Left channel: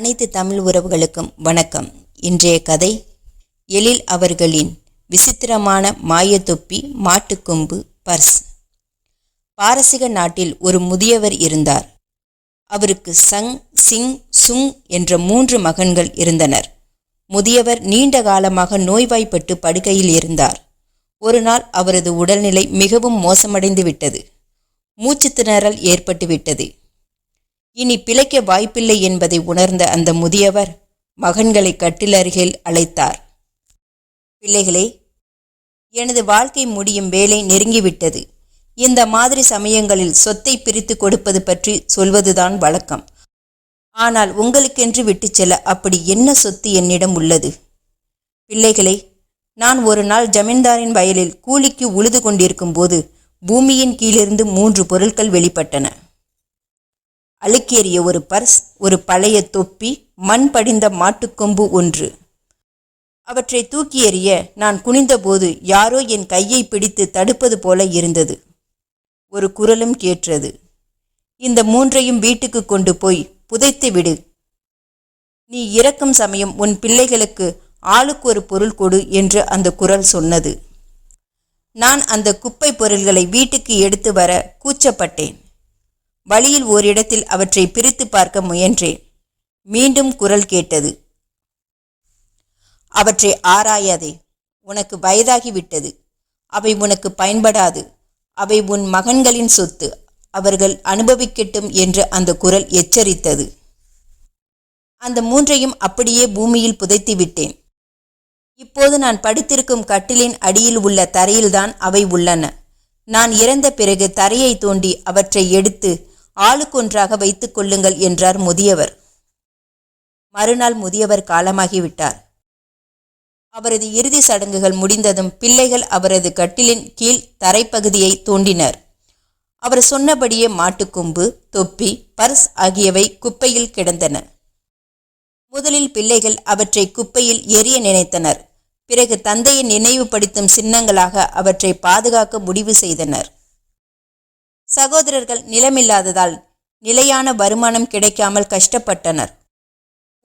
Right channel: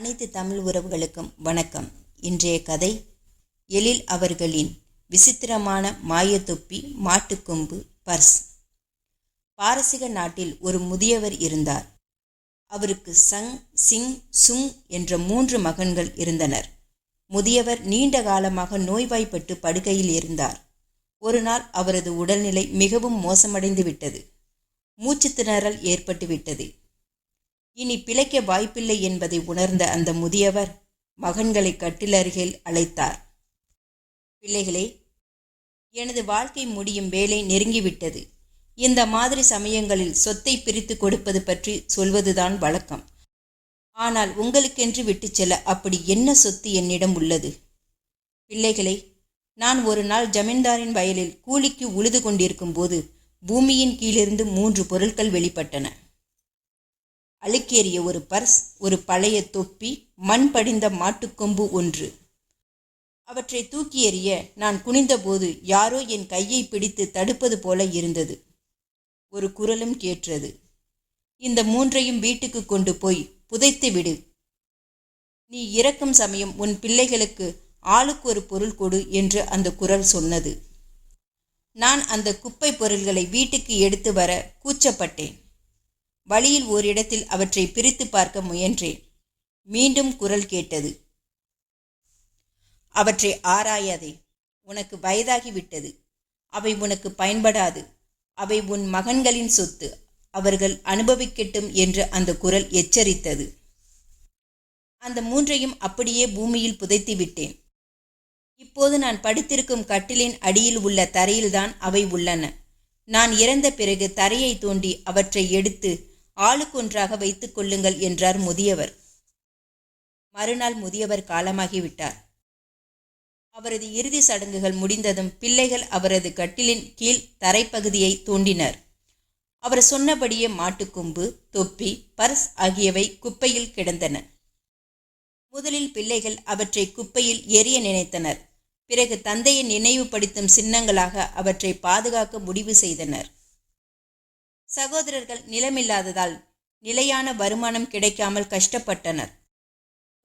அனைத்து தமிழ் உறவுகளுக்கும் வணக்கம். இன்றைய கதை எழில் அவர்களின் விசித்திரமான மாயத்தொப்பி மாட்டுக்கொம்பு பர்ஸ். பாரசீக நாட்டில் ஒரு முதியவர் இருந்தார். அவருக்கு சங் சிங் சுங் என்ற மூன்று மகன்கள் இருந்தனர். முதியவர் நீண்ட காலமாக நோய்வாய்ப்பட்டு படுக்கையில் இருந்தார். ஒரு நாள் அவரது உடல்நிலை மிகவும் மோசமடைந்து விட்டது மூச்சு திணறல் ஏற்பட்டுவிட்டது. இனி பிழைக்க வாய்ப்பில்லை என்பதை உணர்ந்த அந்த முதியவர் மகன்களை கட்டிலருகில் அழைத்தார். பிள்ளைகளே எனது வாழ்க்கை முடியும் வேலை நெருங்கிவிட்டது. இந்த மாதிரி சமயங்களில் சொத்தை பிரித்து கொடுப்பது பற்றி சொல்வதுதான் வழக்கம். ஆனால் உங்களுக்கென்று விட்டுச் செல்ல அப்படி என்ன சொத்து என்னிடம் உள்ளது? பிள்ளைகளே நான் ஒரு நாள் ஜமீன்தாரின் வயலில் கூலிக்கு உழுது கொண்டிருக்கும் போது பூமியின் கீழிருந்து மூன்று பொருட்கள் வெளிப்பட்டன. அழுக்கேறிய ஒரு பர்ஸ் ஒரு பழைய தொப்பி மண் படிந்த மாட்டுக்கொம்பு ஒன்று. அவற்றை தூக்கி எறிய நான் குனிந்தபோது யாரோ என் கையை பிடித்து தடுப்பது போல இருந்தது. ஒரு குரலும் கேட்டது இந்த மூன்றையும் வீட்டுக்கு கொண்டு போய் புதைத்து விடு. நீ இறக்கும் சமயம் உன் பிள்ளைகளுக்கு ஆளுக்கு ஒரு பொருள் கொடு என்று அந்த குரல் சொன்னது. நான் அந்த குப்பை பொருள்களை வீட்டுக்கு எடுத்து வர கூச்சப்பட்டேன். வழியில் ஓரிடத்தில் அவற்றை பிரித்து பார்க்க முயன்றேன். மீண்டும் குரல் கேட்டது. அவற்றை ஆராயாதே உனக்கு வயதாகிவிட்டது. அவை உனக்கு பயன்படாது. அவை உன் மகன்களின் சொத்து. அவர்கள் அனுபவிக்கட்டும் என்று அந்த குரல் எச்சரித்தது. அந்த மூன்றையும் அப்படியே பூமியில் புதைத்து விட்டேன் இப்போது நான் படுத்திருக்கும் கட்டிலின் அடியில் உள்ள தரையில்தான் அவை உள்ளன. நான் இறந்த பிறகு தரையை தோண்டி அவற்றை எடுத்து ஆளுக்கொன்றாக வைத்துக் கொள்ளுங்கள் என்றார் முதியவர். மறுநாள் முதியவர் காலமாகிவிட்டார். அவரது இறுதி சடங்குகள் முடிந்ததும் பிள்ளைகள் அவரது கட்டிலின் கீழ் தரைப்பகுதியை தோண்டினர். அவர் சொன்னபடியே மாட்டுக்கொம்பு தொப்பி பர்ஸ் ஆகியவை குப்பையில் கிடந்தன. முதலில் பிள்ளைகள் அவற்றை குப்பையில் எரிய நினைத்தனர். பிறகு தந்தையை நினைவுபடுத்தும் சின்னங்களாக அவற்றை பாதுகாக்க முடிவு செய்தனர். சகோதரர்கள் நிலமில்லாததால் நிலையான வருமானம் கிடைக்காமல் கஷ்டப்பட்டனர்.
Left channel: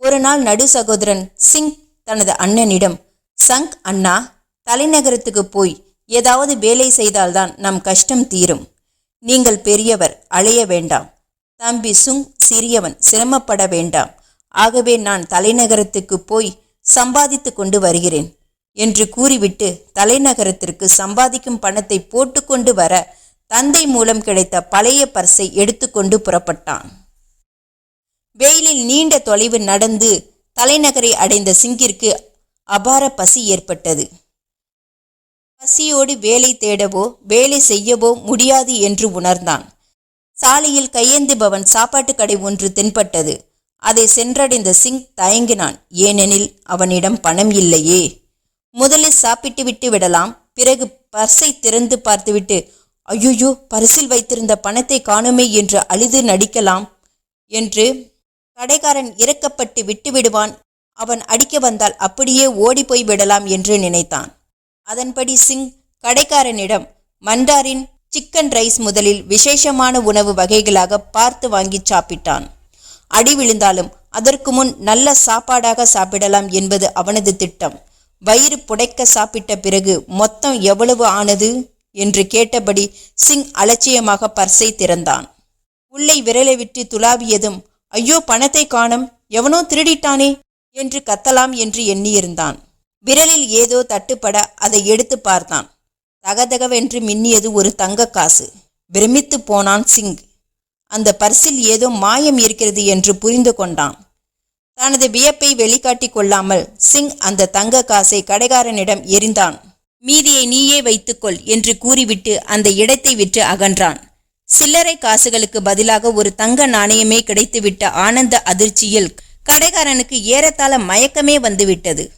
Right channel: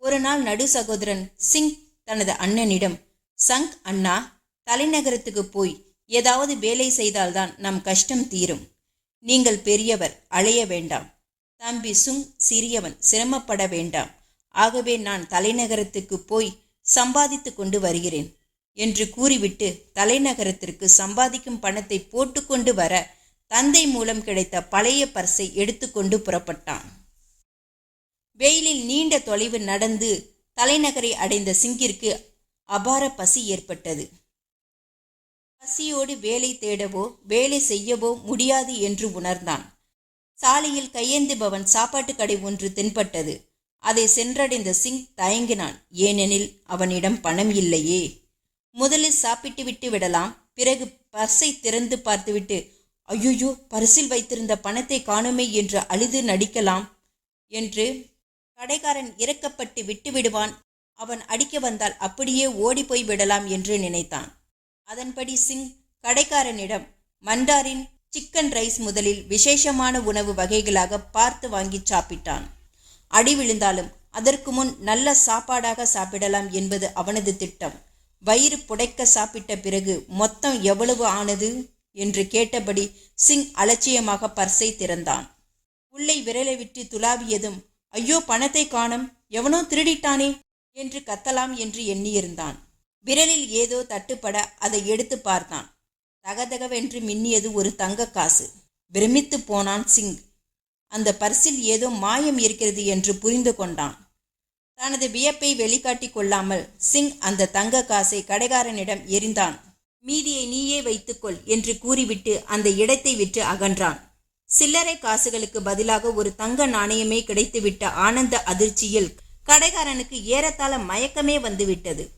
ஒரு நாள் நடு சகோதரன் சிங் தனது அண்ணனிடம் சங் அண்ணா தலைநகரத்துக்கு போய் ஏதாவது வேலை செய்தால்தான் நம் கஷ்டம் தீரும். நீங்கள் பெரியவர் அலைய வேண்டாம். தம்பி சுங் சிறியவன் சிரமப்பட வேண்டாம். ஆகவே நான் தலைநகரத்துக்கு போய் சம்பாதித்து கொண்டு வருகிறேன் என்று கூறிவிட்டு தலைநகரத்திற்கு சம்பாதிக்கும் பணத்தை போட்டுக்கொண்டு வர தந்தை மூலம் கிடைத்த பழைய பர்ஸை எடுத்துக்கொண்டு புறப்பட்டான். வெயிலில் நீண்ட தொலைவு நடந்து தலைநகரை அடைந்த சிங்கிற்கு அபார பசி ஏற்பட்டது. பசியோடு வேலை தேடவோ வேலை செய்யவோ முடியாது என்று உணர்ந்தான். சாலையில் கையேந்துபவன் சாப்பாட்டு கடை ஒன்று தென்பட்டது. அதை சென்றடைந்த சிங் தயங்கினான். ஏனெனில் அவனிடம் பணம் இல்லையே. முதலில் சாப்பிட்டு விட்டு விடலாம் பிறகு பர்ஸை திறந்து பார்த்துவிட்டு ஐயோயோ பரிசில் வைத்திருந்த பணத்தை காணுமே என்று அழுது நடிக்கலாம் என்று கடைக்காரன் இறக்கப்பட்டு விட்டு விடுவான். அவன் அடிக்க வந்தால் அப்படியே ஓடிப்போய் விடலாம் என்று நினைத்தான். அதன்படி சிங் கடைக்காரனிடம் மண்டாரின் சிக்கன் ரைஸ் முதலில் விசேஷமான உணவு வகைகளாக பார்த்து வாங்கி சாப்பிட்டான். அடி விழுந்தாலும் அதற்கு முன் நல்ல சாப்பாடாக சாப்பிடலாம் என்பது அவனது திட்டம். வயிறு புடைக்க சாப்பிட்ட பிறகு மொத்தம் எவ்வளவு ஆனது? என்று கேட்டபடி சிங் அலட்சியமாக பர்ஸை திறந்தான். உள்ளே விரலை விட்டு துளாவியதும் ஐயோ பணத்தை காணும் எவனோ திருடிட்டானே என்று கத்தலாம் என்று எண்ணியிருந்தான். விரலில் ஏதோ தட்டுப்பட அதை எடுத்து பார்த்தான். தகதகவென்று மின்னியது ஒரு தங்க காசு. பிரமித்து போனான் சிங். அந்த பர்சில் ஏதோ மாயம் இருக்கிறது என்று புரிந்து கொண்டான். தனது வியப்பை வெளிக்காட்டி கொள்ளாமல் சிங் அந்த தங்க காசை கடைக்காரனிடம் எரிந்தான் மீதியை நீயே வைத்துக்கொள் என்று கூறிவிட்டு அந்த இடத்தை விட்டு அகன்றான். சில்லறை காசுகளுக்கு பதிலாக ஒரு தங்க நாணயமே கிடைத்துவிட்ட ஆனந்த அதிர்ச்சியில் கடைக்காரனுக்கு ஏறத்தாழ மயக்கமே வந்துவிட்டது.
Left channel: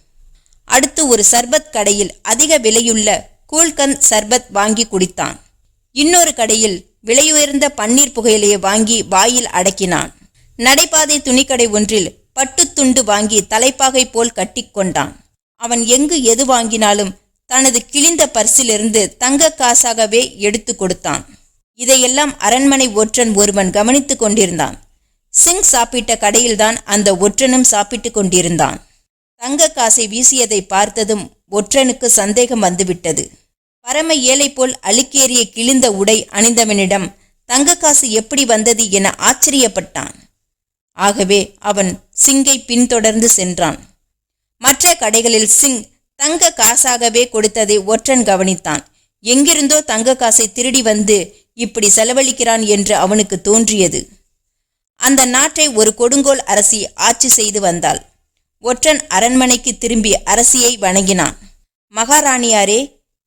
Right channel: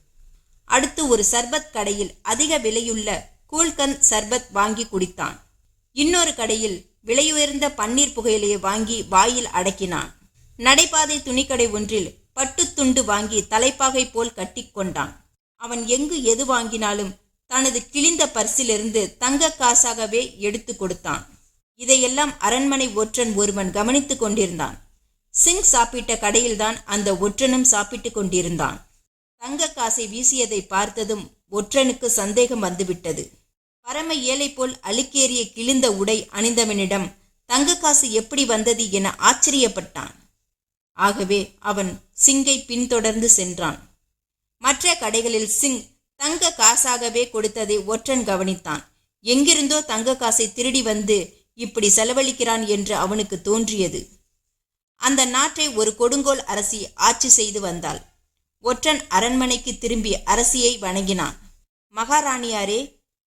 அடுத்து ஒரு சர்பத் கடையில் அதிக விலையுள்ள கூல்கந்த் சர்பத் வாங்கி குடித்தான். இன்னொரு கடையில் விலையுயர்ந்த பன்னீர் புகையிலையை வாங்கி வாயில் அடக்கினான். நடைபாதை துணிக்கடை ஒன்றில் பட்டுத்துண்டு வாங்கி தலைப்பாகை போல் கட்டிக்கொண்டான் அவன் எங்கு எது வாங்கினாலும் தனது கிழிந்த பர்சிலிருந்து தங்க காசாகவே எடுத்து கொடுத்தான். இதையெல்லாம் அரண்மனை ஒற்றன் ஒருவன் கவனித்துக் கொண்டிருந்தான். சிங் சாப்பிட்ட கடையில்தான் அந்த ஒற்றனும் சாப்பிட்டு கொண்டிருந்தான். தங்க காசை வீசியதை பார்த்ததும் ஒற்றனுக்கு சந்தேகம் வந்துவிட்டது. பரம ஏழை போல் அழுக்கேறிய கிழிந்த உடை அணிந்தவனிடம் தங்க காசு எப்படி வந்தது என ஆச்சரியப்பட்டான். ஆகவே அவன் சிங்கை பின்தொடர்ந்து சென்றான். மற்ற கடைகளில் சிங் தங்க காசாகவே கொடுத்ததை ஒற்றன் கவனித்தான். எங்கிருந்தோ தங்க காசை திருடி வந்து இப்படி செலவழிக்கிறான் என்று அவனுக்கு தோன்றியது. அந்த நாட்டை ஒரு கொடுங்கோல் அரசி ஆட்சி செய்து வந்தாள். ஒற்றன் அரண்மனைக்கு திரும்பி அரசியை வணங்கினான். மகாராணியாரே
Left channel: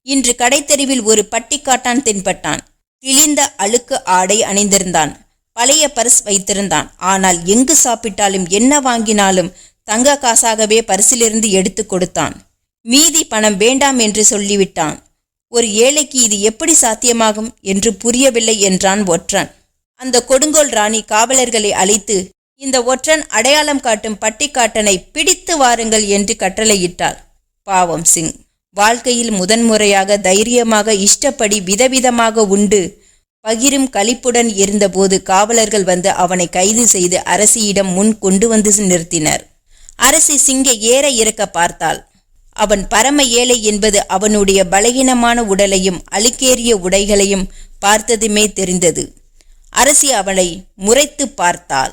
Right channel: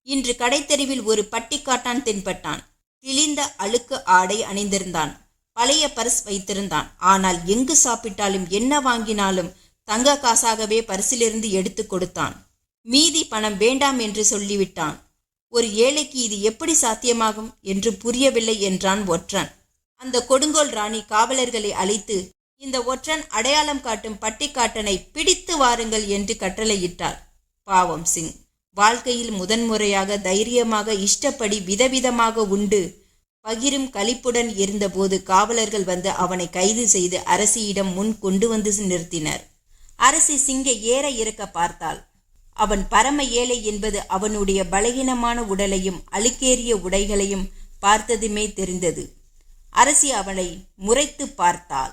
இன்று கடைத்தெருவில் ஒரு பட்டிக்காட்டான் தென்பட்டான். கிழிந்த அழுக்கு ஆடை அணிந்திருந்தான். பழைய பரிஸ் வைத்திருந்தான். ஆனால் எங்கு சாப்பிட்டாலும் என்ன வாங்கினாலும் தங்க காசாகவே பரிசிலிருந்து எடுத்து கொடுத்தான். மீதி பணம் வேண்டாம் என்று சொல்லிவிட்டான். ஒரு ஏழைக்கு இது எப்படி சாத்தியமாகும் என்று புரியவில்லை என்றான் ஒற்றன். அந்த கொடுங்கோல் ராணி காவலர்களை அழைத்து இந்த ஒற்றன் அடையாளம் காட்டும் பட்டிக்காட்டனை பிடித்து வாருங்கள் என்று கட்டளையிட்டார் பாவம் சிங் வாழ்க்கையில் முதன்முறையாக தைரியமாக இஷ்டப்படி விதவிதமாக உண்டு. பகிரும் கழிப்புடன் இருந்தபோது காவலர்கள் வந்து அவனை கைது செய்து அரசியிடம் முன் கொண்டு வந்து நிறுத்தினர். அரசி சிங்கை ஏற இறக்க பார்த்தாள். அவன் பரம ஏழை என்பது அவனுடைய பலகீனமான உடலையும் அழுக்கேறிய உடைகளையும் பார்த்ததுமே தெரிந்தது. அரசி அவளை முறைத்து பார்த்தாள்.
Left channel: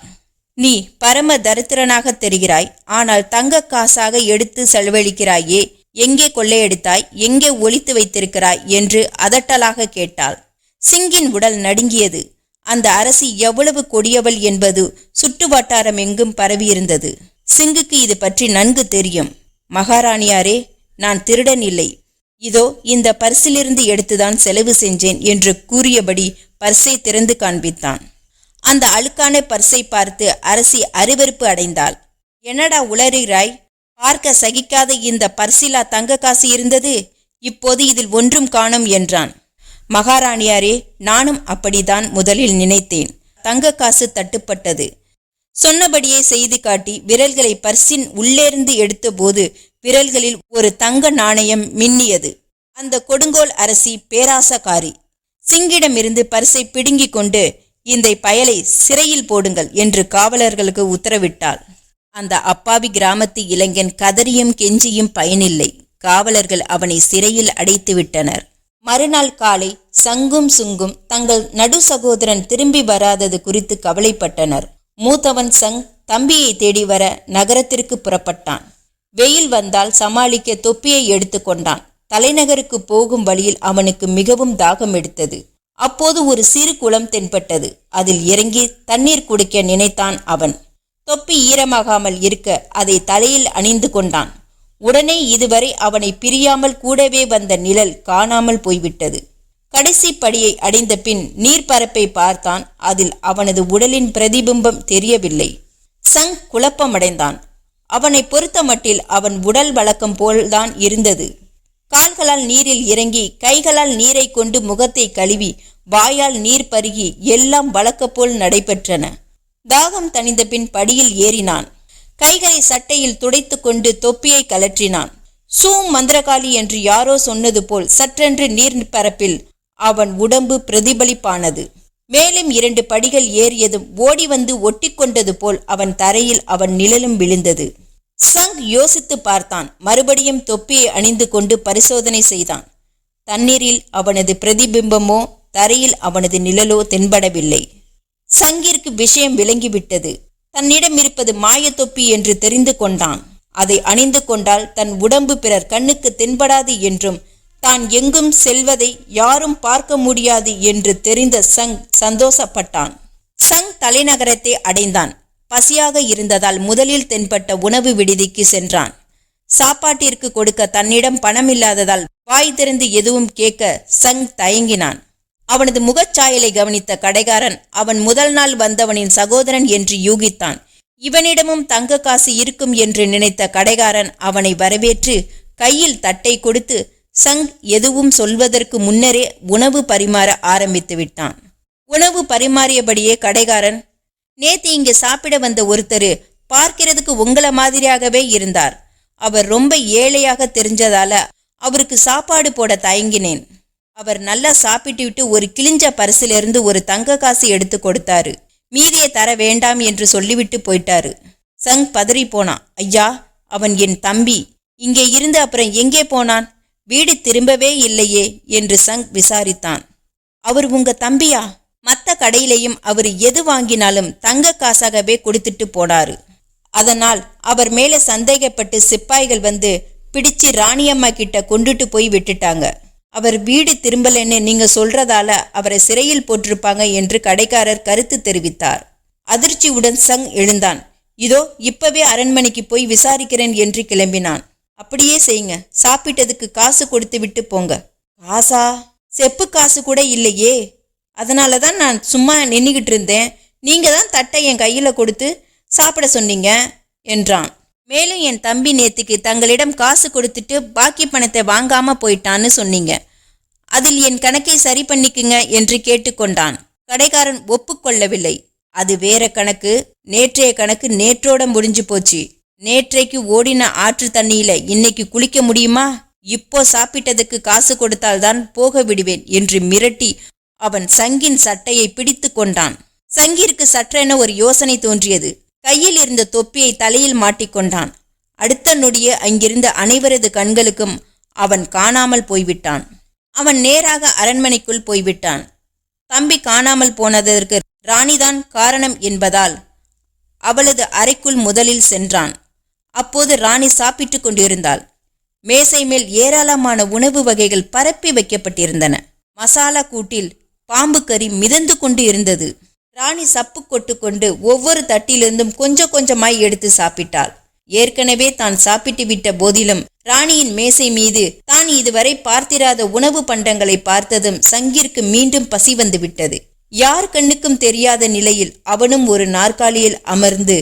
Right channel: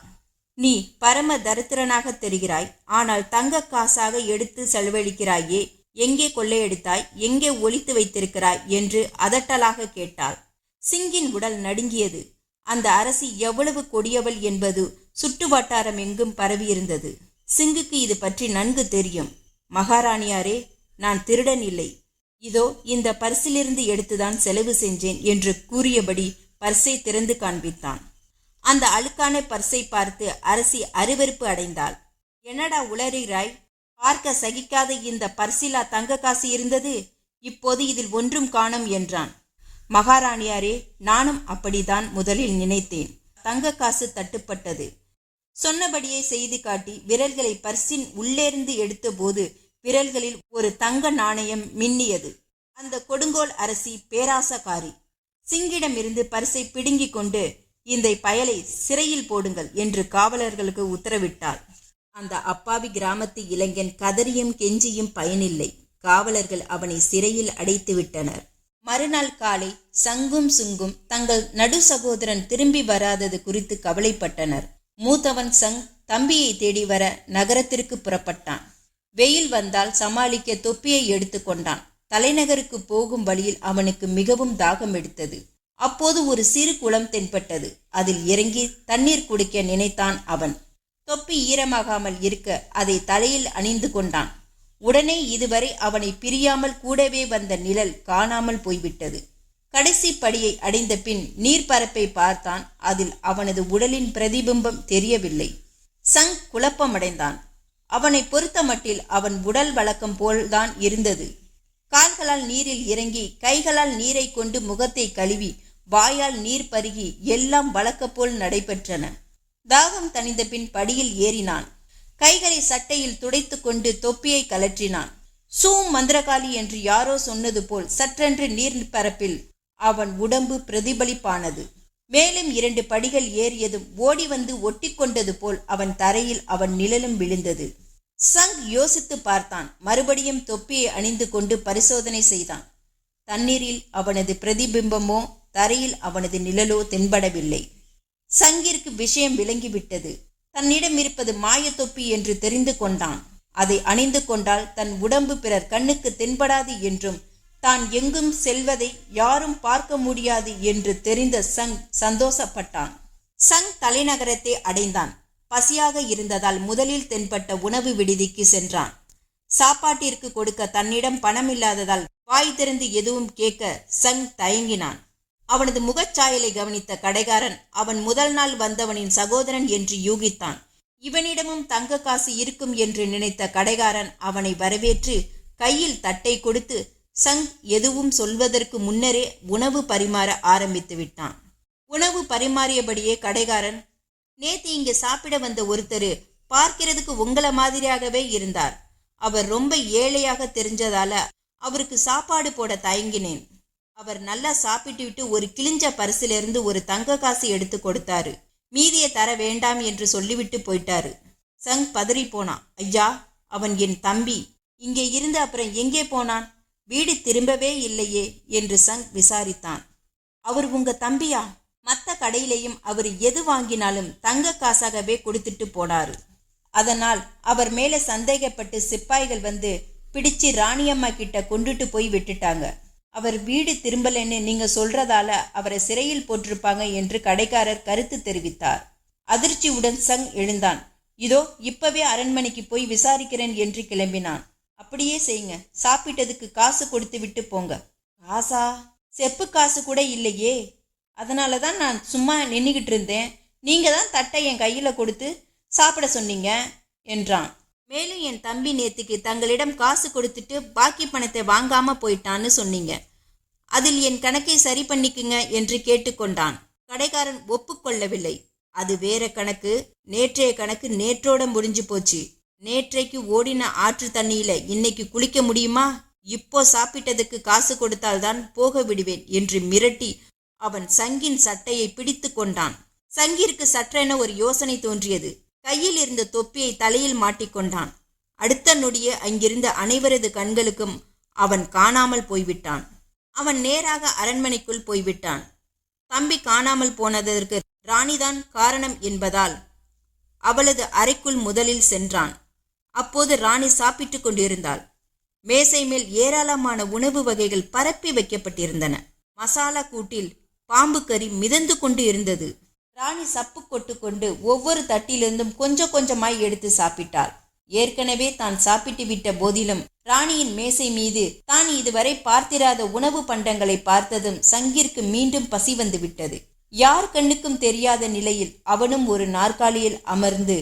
நீ பரம தரித்திரனாக தெரிகிறாய். ஆனால் தங்க காசாக எடுத்து செலவழிக்கிறாயே. எங்கே கொள்ளையடித்தாய்? எங்கே ஒழித்து வைத்திருக்கிறாய்? என்று அதட்டலாக கேட்டாள். சிங்கின் உடல் நடுங்கியது. அந்த அரசி எவ்வளவு கொடியவள் என்பது சுற்று வட்டாரம் எங்கும் பரவியிருந்தது. சிங்குக்கு இது பற்றி நன்கு தெரியும். மகாராணியாரே நான் திருடன் இல்லை இதோ இந்த பர்சிலிருந்து எடுத்துதான் செலவு செஞ்சேன் என்று கூறியபடி பர்ஸை திறந்து காண்பித்தான். அந்த அழுக்கான பர்ஸை பார்த்து அரசி அருவருப்பு அடைந்தாள். என்னடா உளறுகிறாய் பார்க்க சகிக்காத இந்த பர்சிலா தங்க காசு இருந்தது? இப்போது இதில் ஒன்றும் காணும் என்றான். மகாராணியாரே நானும் அப்படிதான் முதலில் நினைத்தேன். தங்க காசு தட்டுப்பட்டது. சொன்னபடியே செய்து காட்டி விரல்களை பர்சின் உள்ளேர்ந்து எடுத்தபோது விரல்களில் ஒரு தங்க நாணயம் மின்னியது. அந்த கொடுங்கோல் அரசி பேராசக்காரி சிங்கிடமிருந்து பரிசை பிடுங்கிக் கொண்டு இந்த பயலை சிறையில் போடுங்கள் என்று காவலர்களுக்கு உத்தரவிட்டாள். அந்த அப்பாவி கிராமத்து இளைஞன் கதறியும் கெஞ்சியும் பயனில்லை. காவலர்கள் அவனை சிறையில் அடைத்து விட்டனர். மறுநாள் காலை சங்கும் சுங்கும் தங்கள் நடு சகோதரன் திரும்பி வராதது குறித்து கவலைப்பட்டனர். மூத்தவன் சங் தம்பியை தேடி வர நகரத்திற்கு புறப்பட்டான். வெயில் வந்தால் சமாளிக்க தொப்பியை எடுத்துக்கொண்டான் தலைநகருக்கு போகும் வழியில் அவனுக்கு மிகவும் தாகம் எடுத்தது. அப்போது ஒரு சிறு குளம் தென்பட்டது. அதில் இறங்கி தண்ணீர் குடிக்க நினைத்தான் அவன். தொப்பி ஈரமாகாமல் இருக்க அதை தலையில் அணிந்து கொண்டான். உடனே இதுவரை அவனை பிரியாமல் கூடவே வந்த நிழல் காணாமல் போய்விட்டது. கடைசி படியை அடைந்த பின் நீர்ப்பரப்பை பார்த்தான். அதில் அவனது உடலின் பிரதிபிம்பம் தெரியவில்லை. சங் குழப்பமடைந்தான். அவனை பொறுத்த மட்டில் அவன் உடல் வழக்கம் போல்தான் இருந்தது. கால்களால் நீரில் இறங்கி கைகளால் நீரை கொண்டு முகத்தை கழுவி வாயால் நீர் பருகி எல்லாம் வழக்கப்போல் நடைபெற்றன. தாகம் தணிந்த பின் படியில் ஏறினான். கைகளை சட்டையில் துடைத்து கொண்டு தொப்பியை கலற்றினான் சூ மந்திரகாளி என்று யாரோ சொன்னது போல் சற்றென்று நீர் பரப்பில் அவன் உடம்பு பிரதிபலிப்பானது. மேலும் இரண்டு படிகள் ஏறியதும் ஓடி வந்து ஒட்டிக்கொண்டது போல் அவன் தரையில் அவன் நிழலும் விழுந்தது. சங் யோசித்து பார்த்தான். மறுபடியும் தொப்பியை அணிந்து கொண்டு பரிசோதனை செய்தான். தண்ணீரில் அவனது பிரதிபிம்பமோ தரையில் அவனது நிழலோ தென்படவில்லை. சங்கிற்கு விஷயம் விளங்கிவிட்டது. தன்னிடம் இருப்பது மாயத்தொப்பி என்று தெரிந்து கொண்டான். அதை அணிந்து கொண்டால் தன் உடம்பு பிறர் கண்ணுக்கு தென்படாது என்றும் தான் எங்கும் செல்வதை யாரும் பார்க்க முடியாது என்று தெரிந்த சங் சந்தோஷப்பட்டான். சங் தலைநகரத்தை அடைந்தான். பசியாக இருந்ததால் முதலில் தென்பட்ட உணவு விடுதிக்கு சென்றான். சாப்பாட்டிற்கு கொடுக்க தன்னிடம் பணம் இல்லாததால் வாய் திறந்து எதுவும் கேட்க சங் தயங்கினான். அவனது முகச்சாயலை கவனித்த கடைகாரன் அவன் முதல் நாள் வந்தவனின் சகோதரன் என்று யூகித்தான். இவனிடமும் தங்க காசு இருக்கும் என்று நினைத்த கடைகாரன் அவனை வரவேற்று கையில் தட்டை கொடுத்து சங் எதுவும் சொல்வதற்கு முன்னரே உணவு பரிமாற ஆரம்பித்து விட்டான். உணவு பரிமாறியபடியே கடைகாரன் நேத்து இங்கே சாப்பிட வந்த ஒருத்தர் பார்க்கிறதுக்கு உங்களை மாதிரியாகவே இருந்தார். அவர் ரொம்ப ஏழையாக தெரிஞ்சதால அவருக்கு சாப்பாடு போட தயங்கினேன். அவர் நல்லா சாப்பிட்டு விட்டு ஒரு கிழிஞ்ச பரிசிலிருந்து ஒரு தங்க காசு எடுத்து கொடுத்தாரு. மீதியை தர வேண்டாம் என்று சொல்லிவிட்டு போயிட்டாரு. சங் பதறி போனான் ஐயா அவன் என் தம்பி. இங்கே இருந்து அப்புறம் எங்கே போனான்? வீடு திரும்பவே இல்லையே என்று சங் விசாரித்தான். அவர் உங்க தம்பியா? மத்த கடையிலையும் அவர் எது வாங்கினாலும் தங்க காசாகவே கொடுத்துட்டு போனாரு. அதனால் அவர் மேலே சந்தேகப்பட்டு சிப்பாய்கள் வந்து பிடிச்சு ராணியம்மா கிட்ட கொண்டுட்டு போய் விட்டுட்டாங்க. அவர் வீடு திரும்பலன்னு நீங்க சொல்றதால அவரை சிறையில் போட்டிருப்பாங்க என்று கடைக்காரர் கருத்து தெரிவித்தார். அதிர்ச்சியுடன் சங் எழுந்தான். இதோ இப்பவே அரண்மனைக்கு போய் விசாரிக்கிறேன் என்று கிளம்பினான். அப்படியே செய்யுங்க. சாப்பிட்டதுக்கு காசு கொடுத்து விட்டு போங்க. காசா செப்பு காசு கூட இல்லையே. அதனால தான் நான் சும்மா நின்றுக்கிட்டு இருந்தேன். நீங்கள் தான் தட்டை என் கையில் கொடுத்து சாப்பிட சொன்னீங்க என்றான். மேலும் என் தம்பி நேத்துக்கு தங்களிடம் காசு கொடுத்துட்டு பாக்கி பணத்தை வாங்காம போயிட்டான்னு சொன்னீங்க. அதில் என் கணக்கை சரி பண்ணிக்குங்க என்று கேட்டுக்கொண்டான். கடைக்காரன் ஒப்புக்கொள்ளவில்லை. அது வேற கணக்கு. நேற்றைய கணக்கு நேற்றோட முடிஞ்சு போச்சு. நேற்றைக்கு ஓடின ஆற்று தண்ணியில இன்னைக்கு குளிக்க முடியுமா? இப்போ சாப்பிட்டதுக்கு காசு கொடுத்தால்தான் போக விடுவேன் என்று மிரட்டி அவன் சங்கின் சட்டையை பிடித்து கொண்டான். சங்கிற்கு சற்றென ஒரு யோசனை தோன்றியது. கையில் இருந்த தொப்பியை தலையில் மாட்டிக்கொண்டான் அடுத்த நொடியே அங்கிருந்த அனைவரது கண்களுக்கும் அவன் காணாமல் போய்விட்டான். அவன் நேராக அரண்மனைக்குள் போய்விட்டான். தம்பி காணாமல் போனதற்கு ராணிதான் காரணம் என்பதால் அவளது அறைக்குள் முதலில் சென்றான். அப்போது ராணி சாப்பிட்டுக் கொண்டிருந்தாள். மேசை மேல் ஏராளமான உணவு வகைகள் பரப்பி வைக்கப்பட்டிருந்தன. மசாலா கூட்டில் பாம்பு கறி மிதந்து கொண்டு இருந்தது. ராணி சப்பு கொட்டு கொண்டு ஒவ்வொரு தட்டிலிருந்தும் கொஞ்சம் கொஞ்சமாய் எடுத்து சாப்பிட்டாள். ஏற்கனவே தான் சாப்பிட்டு விட்ட போதிலும் ராணியின் மேசை மீது தான் இதுவரை பார்த்திராத உணவு பண்டங்களை பார்த்ததும் சங்கிற்கு மீண்டும் பசி வந்து விட்டது யார் கண்ணுக்கும் தெரியாத நிலையில் அவனும் ஒரு நாற்காலியில் அமர்ந்து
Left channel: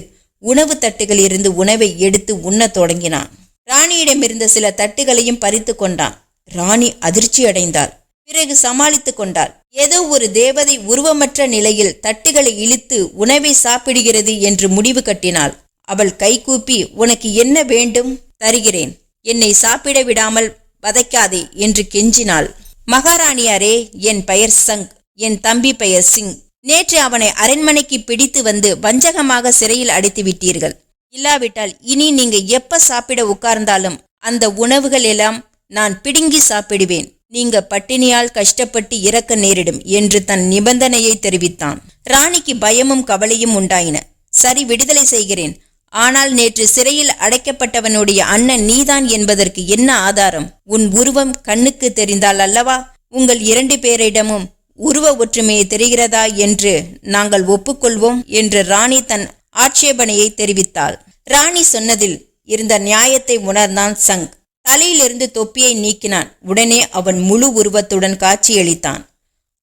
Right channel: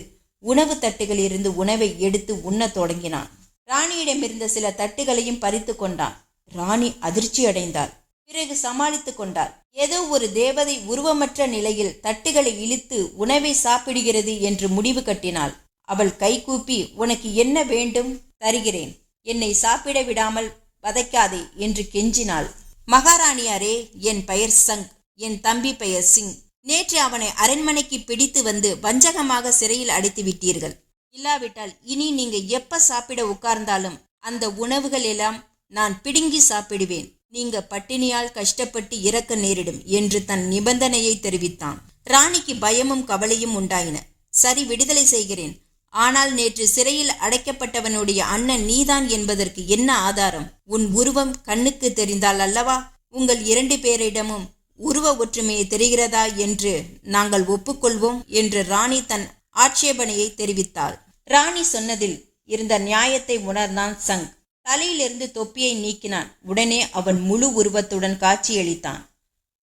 உணவு தட்டுகளிலிருந்து உணவை எடுத்து உண்ணத் தொடங்கினான். ராணியிடமிருந்த சில தட்டுகளையும் பறித்து கொண்டான். ராணி அதிர்ச்சி அடைந்தாள். பிறகு சமாளித்துக் கொண்டாள். ஏதோ ஒரு தேவதை உருவமற்ற நிலையில் தட்டுகளை இழுத்து உணவை சாப்பிடுகிறது என்று முடிவு கட்டினாள். அவள் கைகூப்பி உனக்கு என்ன வேண்டும்? தருகிறேன். என்னை சாப்பிட விடாமல் வதைக்காதே என்று கெஞ்சினாள். மகாராணியாரே என் பெயர் சங். என் தம்பி பெயர் சிங். நேற்று அவனை அரண்மனைக்கு பிடித்து வந்து வஞ்சகமாக சிறையில் அடைத்து விட்டீர்கள். இல்லாவிட்டால் இனி நீங்க எப்ப சாப்பிட உட்கார்ந்தாலும் அந்த உணவுகள் எல்லாம் நான் பிடுங்கி சாப்பிடுவேன். நீங்க பட்டினியால் கஷ்டப்பட்டு இறக்க நேரிடும் என்று தன் நிபந்தனையை தெரிவித்தான். ராணிக்கு பயமும் கவலையும் உண்டாயின. சரி விடுதலை செய்கிறேன். ஆனால் நேற்று சிறையில் அடைக்கப்பட்டவனுடைய அண்ணன் நீதான் என்பதற்கு என்ன ஆதாரம்? உன் உருவம் கண்ணுக்கு தெரிந்தால் அல்லவா? உங்கள் இரண்டு பேரிடமும் உருவ ஒற்றுமையை தெரிகிறதா என்று நாங்கள் ஒப்புக்கொள்வோம் என்று ராணி தன் ஆட்சேபனையை தெரிவித்தாள். ராணி சொன்னதில் இருந்த நியாயத்தை உணர்ந்தான் சங். தலையிலிருந்து தொப்பியை நீக்கினான். உடனே அவன் முழு உருவத்துடன் காட்சியளித்தான்.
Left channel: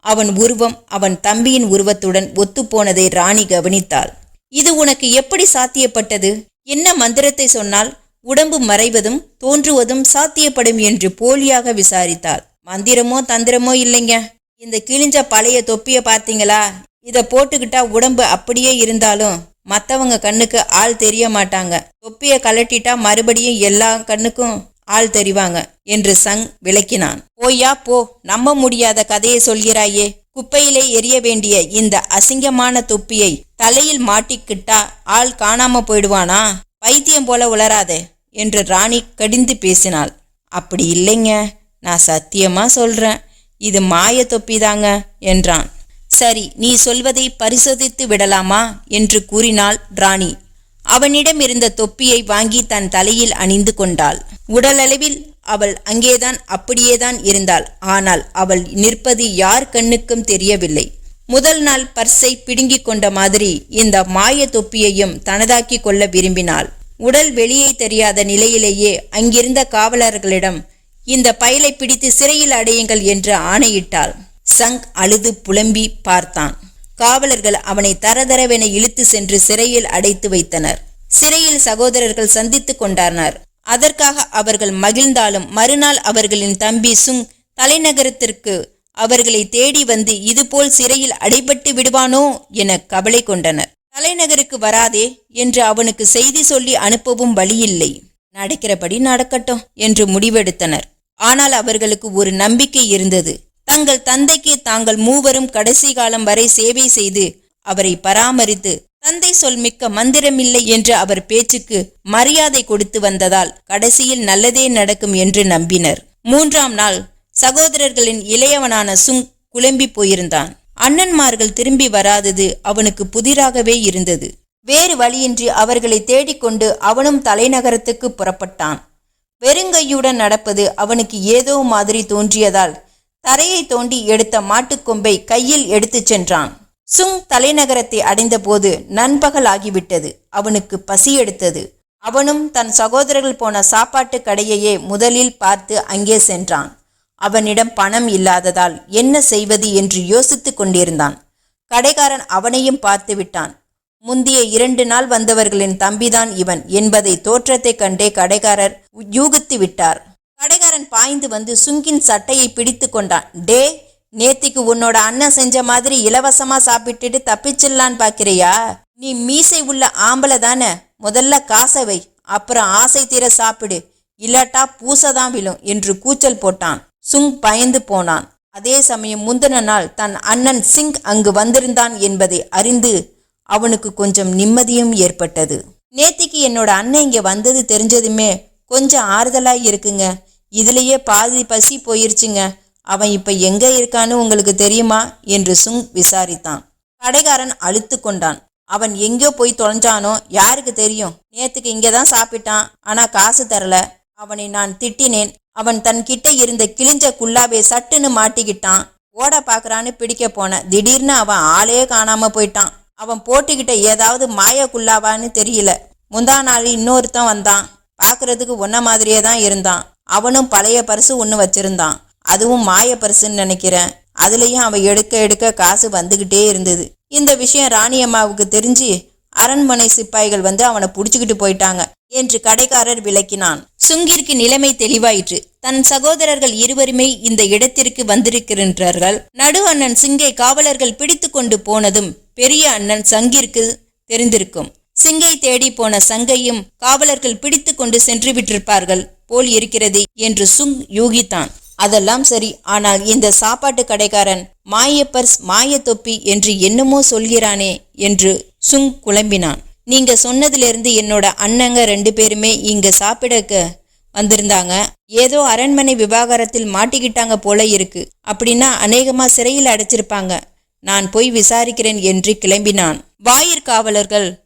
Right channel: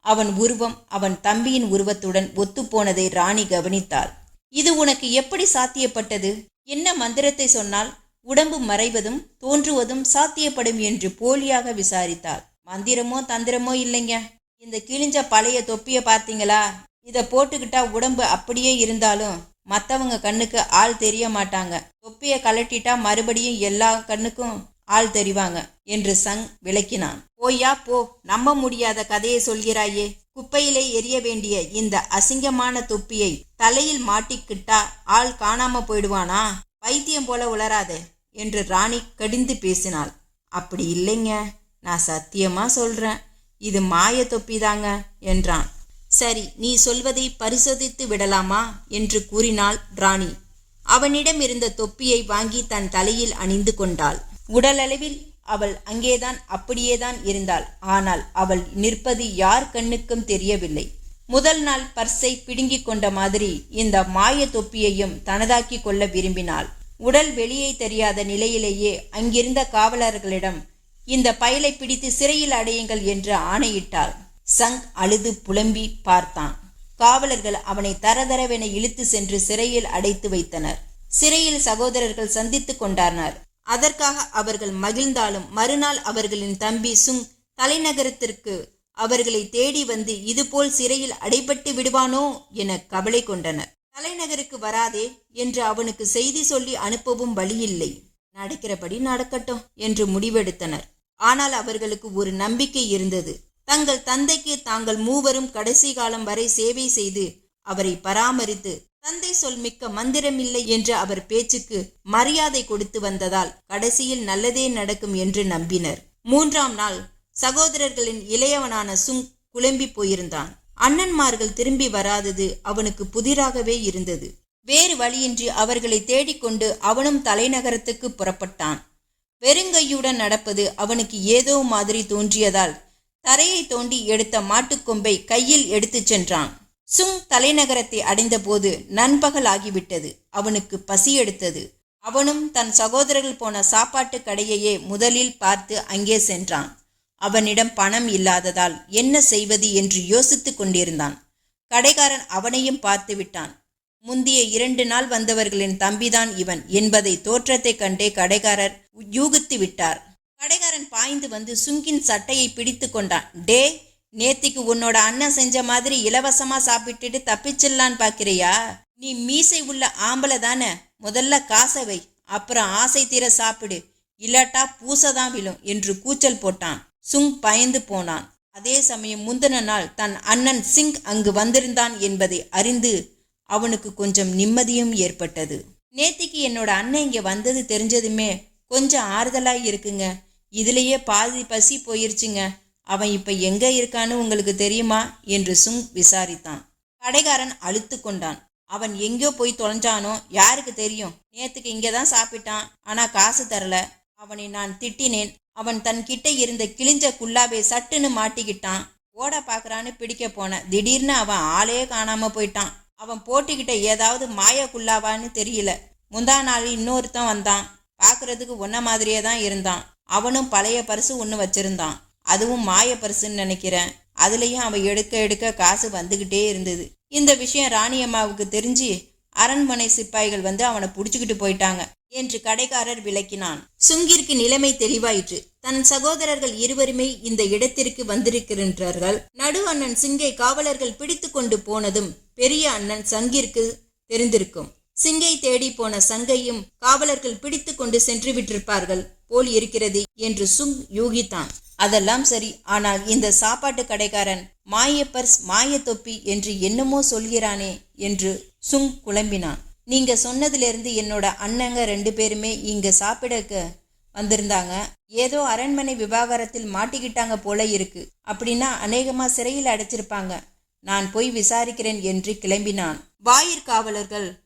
அவன் உருவம் அவன் தம்பியின் உருவத்துடன் ஒத்துப்போனதை ராணி கவனித்தாள். இது உனக்கு எப்படி சாத்தியப்பட்டது? என்ன மந்திரத்தை சொன்னால் உடம்பு மறைவதும் தோன்றுவதும் சாத்தியப்படும் என்று போலியாக விசாரித்தாள். மந்திரமோ தந்திரமோ இல்லைங்க. இந்த கிழிஞ்ச பழைய தொப்பியை பார்த்தீங்களா இதை போட்டுக்கிட்டா உடம்பு அப்படியே இருந்தாலும் மற்றவங்க கண்ணுக்கு ஆள் தெரிய மாட்டாங்க. தொப்பியை கலட்டிட்டா மறுபடியும் எல்லா கண்ணுக்கும் ஆள் தெரிவாங்க என்று சங் விளக்கினான். போய்யா போ. நம்ப முடியாத கதையை சொல்கிறாயே. குப்பையிலே எரிய வேண்டிய இந்த அசிங்கமான தொப்பியை தலையில் மாட்டிக்கிட்டா ஆள் காணாம போயிடுவானா? பைத்தியம் போல உளராதே என்று ராணி கடிந்து பேசினாள். அப்படி இல்லைங்க. நான் சத்தியமா சொல்றேன். இது மாய தொப்பிதாங்க என்றான். சரி நீ சொல்வதை பரிசோதித்து விடலாமா? என்று கூறினாள் ராணி. அவனிடம் இருந்த தொப்பியை வாங்கி தன் தலையில் அணிந்து கொண்டாள். உடலளவில் அவள் அங்கேதான் அப்படியேதான் இருந்தாள். ஆனால் அவள் நிற்பது யார் கண்ணுக்கும் தெரியவில்லை. முதல் நாள் பர்ஸை பிடுங்கிக் கொண்ட மாதிரி இந்த மாய தொப்பியையும் தனதாக்கி கொள்ள விரும்பினாள். உடல் வெளியே தெரியாத நிலையிலேயே அங்கிருந்த காவலர்களிடம் இந்த பயலை பிடித்து சிறையில் அடையுங்கள் என்று ஆணையிட்டாள். சங் அழுது புலம்பி பார்த்தான். காவலர்கள் அவனை தரதரவென இழுத்து சென்று சிறையில் அடைத்து வைத்தனர். சிறையில் சகோதரர்கள் சந்தித்துக் கொண்டார்னர். அதற்காக அவர்கள் மகிழ்ந்தாலும் மறுநாள் அவர்களின் தம்பி சுங் தலைநகரத்திற்கு அவர்களை தேடி வந்து இதுபோல் சிறையில் அடைபட்டு விடுவானோ என கவலை கொண்டனர். தலைநகருக்கு வராதே என்று அவனுக்கு செய்தி சொல்லி அனுப்பவும் வழியில்லை. நடக்கிறபடி நடக்கட்டும் என்று முடிவெடுத்தனர். ஆனால் அவர்களுக்கு ஒரு நம்பிக்கை இருந்தது. தங்கள் தந்தைக்கு தாங்கள் மூவரும் கடைசி காலம் வரை சேவை செய்து அவரை பராமரித்து தந்தை சொல் மிக்க மந்திரமில்லை என்று அவர் பேச்சுக்கு மரியாதை கொடுத்து வந்ததால் கடைசியில் நல்லதே நடக்கும் என்று நம்பினர். மூன்றாம் நாள் சகோதரர்களின் இளையவனான சுங் குழம்பி போயிருந்தான். அண்ணன்மார்கள் திரும்பி வராதது அவனுக்கு புதிராகவே இருந்தது. வேறு வழியின்றி அவர்களை தேடிக்கொண்டு அவனும் தலைநகரத்துக்கு புறப்பட்டான். வெறுங்கையுடன் நடப்பது அவனுக்கு ஏதோ மாதிரி தோன்றியதால் தரையை தோண்டி எடுத்த மாட்டுக்கொம்பை கையில் எடுத்துச் சென்றான். சுங் தலைநகரத்தை அடைந்தபோது நண்பகல் ஆகிவிட்டது அவனுக்கு பசி எடுத்தது. அவனும் தன் சகோதரர்கள் போன சாப்பாட்டு கடையையே முதலில் பார்த்து அங்கே சென்றான். அவனிடம் பணம் இல்லாததால் என்ன செய்வது என்று யோசித்துக் கொண்டிருந்தான். கடைக்காரன் அவனையும் பார்த்து விட்டான். முந்திய இரண்டு நாள் வந்தவர்களின் தம்பிதான் இவன் என்பதை தோற்றத்தைக் கண்டே கடைக்காரர் யூகித்து விட்டார். கடைக்காரன் பாய்ந்து வந்து சுங்கின் சட்டையை பிடித்து கொண்டான். டே நேத்திக்கு உன்னோட அண்ணன் செஞ்ச மாதிரி இலவசமா சாப்பிட்டுட்டு தப்பிச்சிடலான்னு பாக்கிறியா? நீ மீசை உள்ள ஆம்பளை தானே முதல்ல காசவை வை அப்புறம் ஆசை தீர சாப்பிடு இல்லாட்டா பூசதான் விழும் என்று கூச்சல் போட்டான். சுங் பயந்து போனான். அதே சமயம் முந்தின நாள் தன் அண்ணன் சிங் அங்கு வந்திருந்தான் என்பதை அறிந்து அவனுக்கு கொஞ்சம் நிம்மதியும் ஏற்பட்டது. நேத்திக்கு என்னோட அண்ணன் இங்க வந்தது தெரிஞ்சதுமே கொஞ்சம் ஆறுதலா இருக்குங்க. இதுலயே பாதி பசி போயிருச்சுங்க. அவன் இப்ப எங்க இருக்கான்னு உங்களுக்கு தெரியுமா? என்று சுங் விசாரித்தான். கடைக்காரன் அழுத்து கொண்டான். அவன் எங்கேயோ போய் தொலைஞ்சானோ? யாருக்கு தெரியும்? நேத்துக்கு இங்கே தான் சாப்பிட்டான். ஆனா காசு தரல. அவனை நான் திட்டினேன். அவன் தன் கிட்ட இருந்த கிழிஞ்ச குல்லாவை சட்டுன்னு மாட்டிக்கிட்டான். ஓட பாக்குறான்னு பிடிக்க போன. திடீர்னு அவன் ஆளே காணாம போயிட்டான். அவன் போட்டிக்கிட்ட ஏதாவது மாயக்குள்ளாவான்னு தெரியல. முந்தா நாள் இன்னொருத்தன் வந்தான். பார்க்கறதுக்கு ஒன்ன மாதிரியே தான் இருந்தான். அவனும் பழைய பரிசு ஒன்று வச்சிருந்தான். அதுவும் மாய பரிசுன்னு நினைக்கிறேன். அதுலேயும் அவன் எடுக்க எடுக்க காசு வந்துகிட்டே இருந்தது. இந்த விஷயம் ராணி அம்மாவுக்கு தெரிஞ்சு அரண்மனை சிப்பாய்கள் வந்து அவனை புடிச்சுக்கிட்டு போயிட்டாங்க என்று கடைக்காரர் விளக்கினான். சுங்கிற்கு நிலைமை தெளிவாயிற்று. தன் சகோதரர்கள் இருவருமே இந்த இடத்திற்கு வந்திருக்கின்றார்கள். நடு அண்ணன் சிங்கை காவலர்கள் பிடித்து கொண்டு போனதும் பெரிய அண்ணன் சங்கிற்கு தெரிந்திருக்கும். சிங்கை தேடி போன சங்கையும் காவலர்கள் பிடித்து கொண்டு சென்று விட்டிருப்பார்கள் போல் இருக்கிறது என்று சுங் யூகித்தான். அதெல்லாம் சரி. ஆனால் இந்த சாப்பாட்டு கடைக்காரன் மாயப்பர்ஸ் மாய தொப்பி என்று என்னமோ சொல்கிறானே என்று சுங் குழம்பினான். நீங்க சொன்னதிலிருந்து என்னோட அண்ணங்க ரெண்டு பேருமே இங்க சாப்பிடக்க வந்திருந்தாங்க. ஏதோ அரண்மனை விவாகரத்தில் மாட்டிக்கிட்டாங்க போல இருக்கு. அப்படின்னா அநேகமா சிறையில் அடைச்சிருப்பாங்க. நான் போய் விசாரிக்கிறேன் என்று கிளம்பினான். வாயிற்காவலர்கள்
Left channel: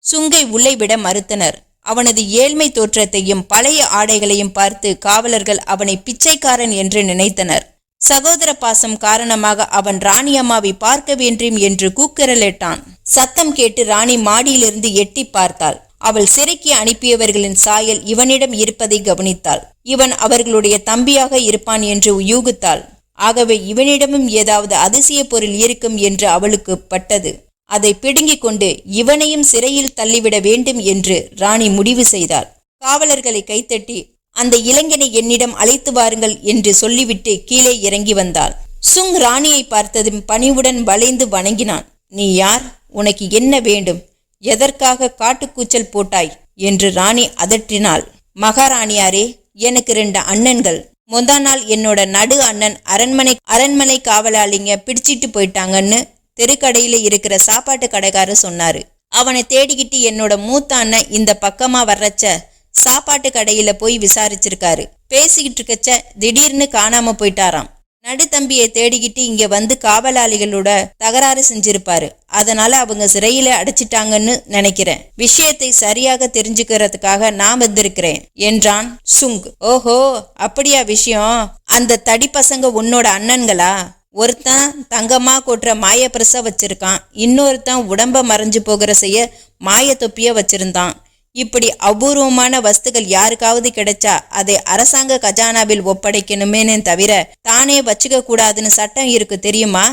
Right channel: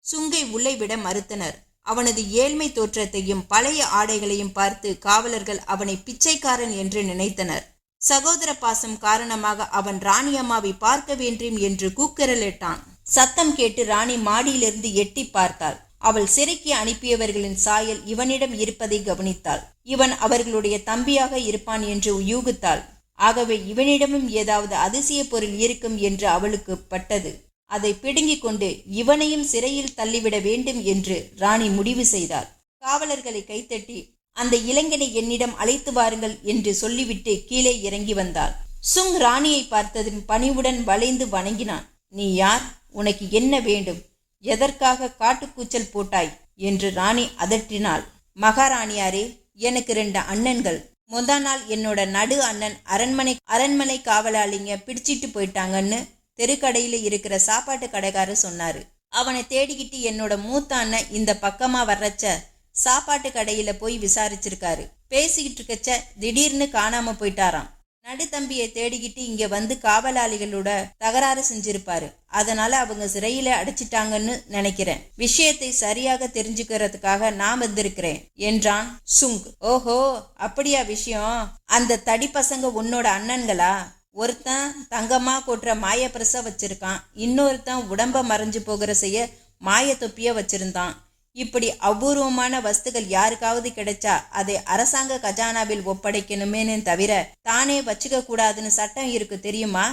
சுங்கை உள்ளே விட மறுத்தனர். அவனது ஏழ்மை தோற்றத்தையும் பழைய ஆடைகளையும் பார்த்து காவலர்கள் அவனை பிச்சைக்காரன் என்று நினைத்தனர். சகோதர பாசம் காரணமாக அவன் ராணி அம்மாவை பார்க்க வேண்டும் என்று கூக்குரலிட்டான். சத்தம் கேட்டு ராணி மாடியிலிருந்து எட்டி பார்த்தாள். அவள் சிறைக்கு அனுப்பியவர்களின் சாயல் இவனிடம் இருப்பதை கவனித்தாள். இவன் அவர்களுடைய தம்பியாக இருப்பான் என்று யூகித்தாள் ஆகவே இவனிடமும் ஏதாவது அதிசய பொருள் இருக்கும் என்று அவளுக்கு பட்டது. அதை பிடுங்கிக் கொண்டு இவனையும் சிறையில் தள்ளிவிட வேண்டும் என்று ராணி முடிவு செய்தாள். காவலர்களை கைத்தட்டி அந்த இளைஞனை என்னிடம் அழைத்து வாருங்கள் என்று சொல்லிவிட்டு கீழே இறங்கி வந்தாள். சுங் ராணியை பார்த்ததும் பணிவுடன் வளைந்து வணங்கினான். நீ யார்? உனக்கு என்ன வேண்டும்? எதற்காக காட்டுக்கூச்சல் போட்டாய்? என்று ராணி அதற்றினாள் மகாராணியாரே எனக்கு ரெண்டு அண்ணன்கள். முந்தா நாள் என்னோட நடு அண்ணன் அரண்மனை அரண்மனை காவலாளிங்க பிடிச்சிட்டு போயிட்டாங்கன்னு தெருக்கடையில இருக்கிற சாப்பாட்டு கடைக்காரர் சொன்னாரு. அவனை தேடிக்கிட்டு என்னோட மூத்த அண்ணன் இந்த பக்கமா வர்றச்ச சாப்பாட்டு கடையில போய் விசாரிச்சிருக்காரு. பேசிக்கிட்டு இருக்கச்ச திடீர்னு காணாம போயிட்டாராம். நடுத்தம்பியை தேடிக்கிட்டு இங்க வந்து காவலாளிகளோட தகராறு செஞ்சிருப்பாரு. அதனால அவங்க சிறையில அடைச்சிட்டாங்கன்னு நினைக்கிறேன். விஷயத்தை சரியாக தெரிஞ்சுக்கிறதுக்காக நான் வந்திருக்கிறேன் என்றான் சுங் ஓஹோ அப்படியா விஷயம்? அந்த தடி பசங்க உன்னோட அண்ணன்களா? ஒருத்தன் தங்கமாக கொட்டுற மாயப்பிரச வச்சிருக்கான் இன்னொருத்தன் உடம்ப மறைஞ்சு போகிற செய்ய மாய தொப்பிய வச்சிருந்தான். இப்படி அபூர்வமான வஸ்துகள் யாருக்காவது கிடைச்சா அதை அரசாங்க கஜானாவில் ஒப்படைக்கணுமேனே தவிர தானே வச்சுக்க கூடாதுன்னு சட்டம் இருக்கு தெரியுமா?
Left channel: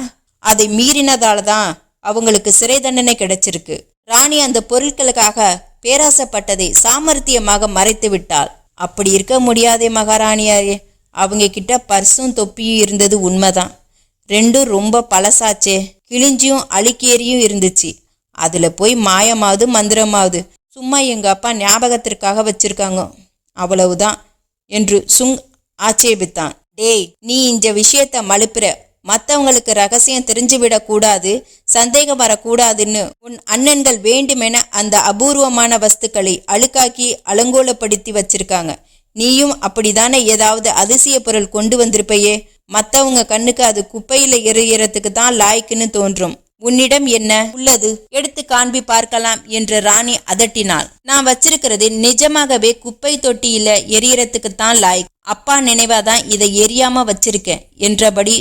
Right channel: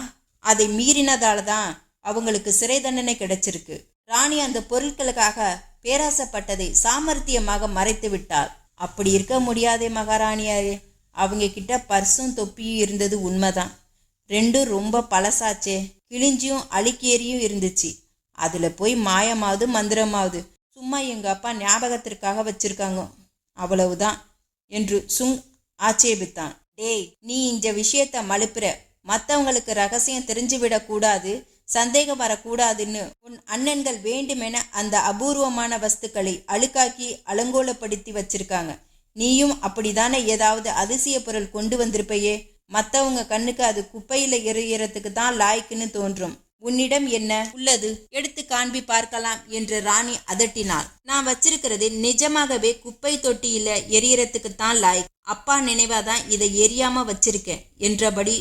அதை மீறினதால தான் அவங்களுக்கு சிறை தண்டனை கிடைச்சிருக்கு. ராணி அந்த பொருட்களுக்காக பேராசப்பட்டதை சாமர்த்தியமாக மறைத்து விட்டாள். அப்படி இருக்க முடியாதே மகாராணியாரே அவங்க கிட்ட பர்சும் தொப்பியும் இருந்தது உண்மைதான். ரெண்டும் ரொம்ப பழசாச்சே. கிழிஞ்சியும் அழுக்கேறியும் இருந்துச்சு. அதுல போய் மாயமாவது மந்திரமாவது. சும்மா எங்க அப்பா ஞாபகத்திற்காக வச்சிருக்காங்க. அவ்வளவுதான் என்று சுங் ஆட்சேபித்தான். டேய் நீ இந்த விஷயத்த மழுப்புற. மற்றவங்களுக்கு ரகசியம் தெரிஞ்சுவிடக்கூடாது சந்தேகம் வரக்கூடாதுன்னு உன் அண்ணன்கள் வேண்டுமென அந்த அபூர்வமான வஸ்துக்களை அழுக்காக்கி அலங்கோலப்படுத்தி வச்சிருக்காங்க. நீயும் அப்படிதானே ஏதாவது அதிசய பொருள் கொண்டு வந்திருப்பையே? மற்றவங்க கண்ணுக்கு அது குப்பையில எறிகிறதுக்கு தான் லாய்க்குன்னு தோன்றும். உன்னிடம் என்ன உள்ளது? எடுத்து காண்பி பார்க்கலாம் என்று ராணி அதட்டினாள். நான் வச்சிருக்கிறது நிஜமாகவே குப்பை தொட்டியில எரியறதுக்கு தான் லாய்க் அப்பா நினைவாதான் இதை எரியாம வச்சிருக்கேன் என்றபடி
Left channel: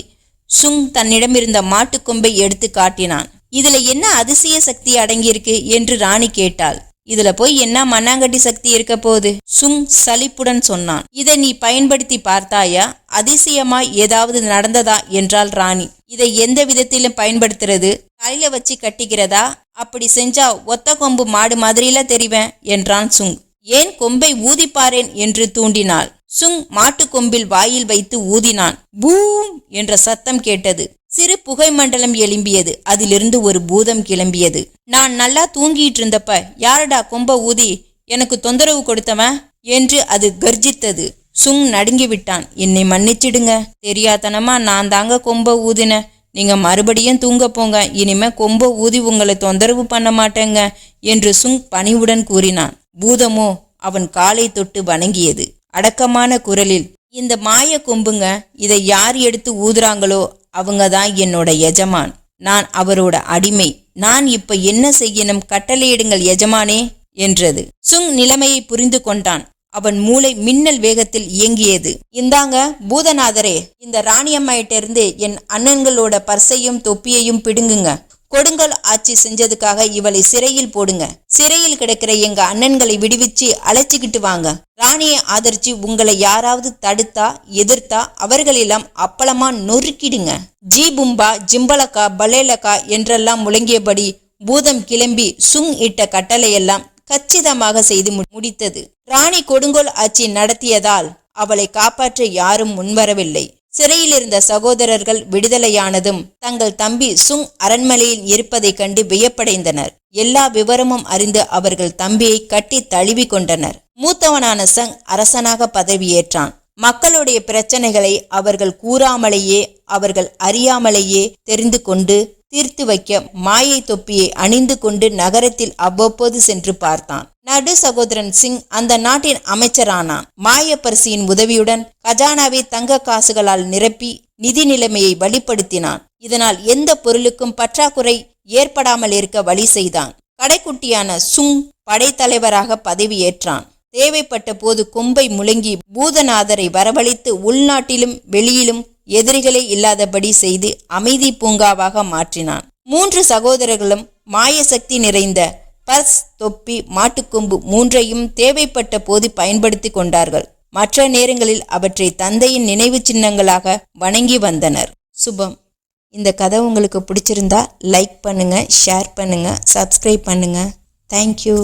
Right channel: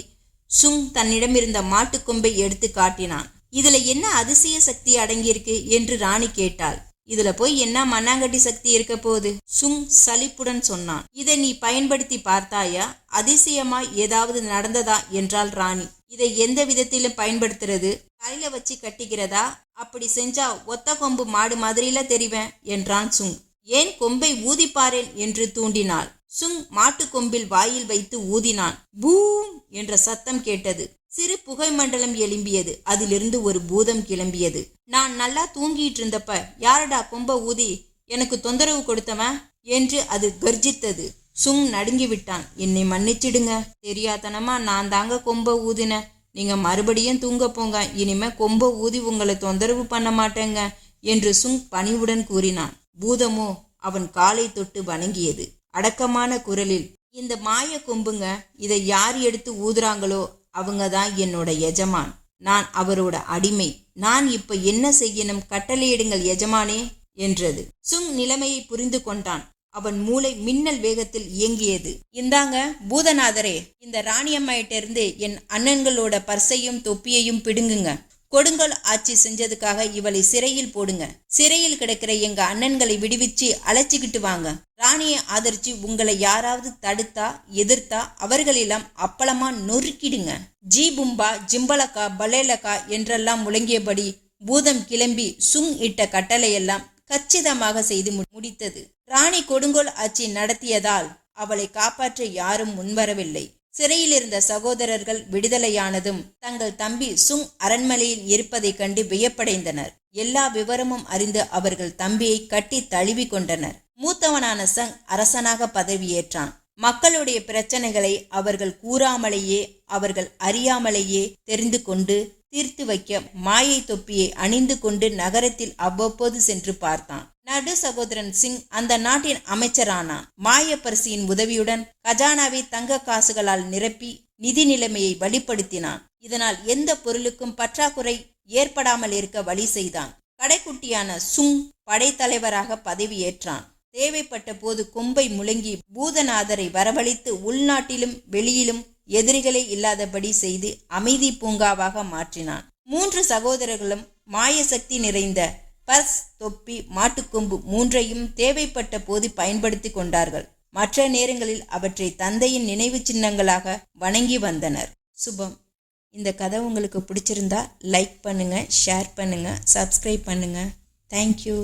சுங் தன்னிடம் இருந்த மாட்டுக்கொம்பை எடுத்து காட்டினான். இதுல என்ன அதிசய சக்தி அடங்கியிருக்கு? என்று ராணி கேட்டாள். இதுல போய் என்ன மண்ணாங்கட்டி சக்தி இருக்க போகுது? சுங் சலிப்புடன் சொன்னான். இதை நீ பயன்படுத்தி பார்த்தாயா? அதிசயமா ஏதாவது நடந்ததா? என்றாள் ராணி. இதை எந்த விதத்திலும் பயன்படுத்துறது? தலையில வச்சு கட்டிக்கிறதா? அப்படி செஞ்சா ஒத்த கொம்பு மாடு மாதிரில தெரிவேன் என்றான் சுங். ஏன் கொம்பை ஊதிப்பாரேன் என்று தூண்டினாள். சுங் மாட்டு கொம்பில் வாயில் வைத்து ஊதினான். பூம்! என்ற சத்தம் கேட்டது. சிறு புகை மண்டலம் எழும்பியது. அதிலிருந்து ஒரு பூதம் கிளம்பியது. நான் நல்லா தூங்கிட்டு இருந்தப்ப யாரடா கொம்ப ஊதி? எனக்கு தொந்தரவு கொடுத்தவன் என்று அது கர்ஜித்தது. சுங் நடுங்கி விட்டான் என்னை மன்னிச்சிடுங்க. தெரியாதனமா நான் தாங்க கொம்ப ஊதினேன் நீங்க மறுபடியும் தூங்க போங்க. இனிமே கொம்ப ஊதி உங்களை தொந்தரவு பண்ண மாட்டேங்க என்று சுங் பணிவுடன் கூறினான். பூதமோ அவன் காலை தொட்டு வணங்கியது. அடக்கமான குரலில் இந்த மாய கொம்புங்க இதை யார் எடுத்து ஊதுறாங்களோ அவங்க தான் என்னோட எஜமான். நான் அவரோட அடிமை. நான் இப்ப என்ன செய்யணும்? கட்டளையிடுங்கள் எஜமானே என்றது. சுங் நிலைமையை புரிந்து கொண்டான். அவன் மூளை மின்னல் வேகத்தில் இயங்கியது. இந்தாங்க பூதநாதரே இந்த ராணியம்மாயிட்ட இருந்து என் அண்ணன்களோட பர்சையும் தொப்பியையும் பிடுங்குங்க. கொடுங்கோல் ஆட்சி செஞ்சதுக்காக இவளை சிறையில் போடுங்க. சிறையில் கிடக்கிற எங்க அண்ணன்களை விடுவிச்சு அழைச்சிக்கிட்டு வாங்க. ராணியை ஆதரிச்சு உங்களை யாராவது தடுத்தா எதிர்த்தா அவர்களெல்லாம் அப்பளமா நொறுக்கிடுங்க. ஜி பும்பா ஜிம்பலக்கா பலேலக்கா என்றெல்லாம் முழங்கியபடி பூதம் கிளம்பி சுங் இட்ட கட்டளையெல்லாம் கச்சிதமாக செய்து மு- முடித்தது. ராணி கொடுங்கோல் ஆட்சி நடத்தியதால் அவளை காப்பாற்ற யாரும் முன்வரவில்லை. சிறையில் இருந்த சகோதரர்கள் விடுதலையானதும் தங்கள் தம்பி சுங் அரண்மனையில் இருப்பதைக் கண்டு வியப்படைந்தனர். எல்லா விவரமும் அறிந்து அவர்கள் தம்பியை கட்டி தழுவி கொண்டனர். மூத்தவனான சங் அரசனாக பதவியேற்றான். மக்களுடைய பிரச்சனைகளை அவர்கள் கூறாமலேயே அவர்கள் அறியாமலேயே தெரிந்து கொண்டு தீர்த்து வைக்க மாயை தொப்பியை அணிந்து கொண்டு நகரத்தில் அவ்வப்போது சென்று பார்த்தான். நடு சகோதரன் சிங் அந்த நாட்டின் அமைச்சரானான். மாயப்பரிசியின் உதவியுடன் கஜானாவை தங்க காசுகளால் நிரப்பி நிதி நிலைமையை வழிப்படுத்தினான். இதனால் எந்த பொருளுக்கும் பற்றாக்குறை ஏற்படாமல் இருக்க வழி செய்தான். கடைக்குட்டியான சுங் படைத்தலைவராக பதவியேற்றான் தேவைப்பட்ட போது கொம்பை முழங்கி பூதநாதரை வரவழைத்து உள்நாட்டிலும் வெளியிலும் எதிரிகளே இல்லாதபடி செய்து அமைதி பூங்காவாக மாற்றினான். மூன்று சகோதரர்களும் மாயசக்தி நிறைந்த பர்ஸ் தொப்பி மாட்டுக்கொம்பு மூன்றையும் தேவைப்பட்ட போது பயன்படுத்தி கொண்டார்கள். மற்ற நேரங்களில் அவற்றை தந்தையின் நினைவு சின்னங்களாக வணங்கி வந்தனர். சுபம். இந்த கதை உங்களுக்கு பிடிச்சிருந்தா லைக் பண்ணுங்க ஷேர் பண்ணுங்க சப்ஸ்கிரைப் பண்ணுங்க. தேங்க்யூ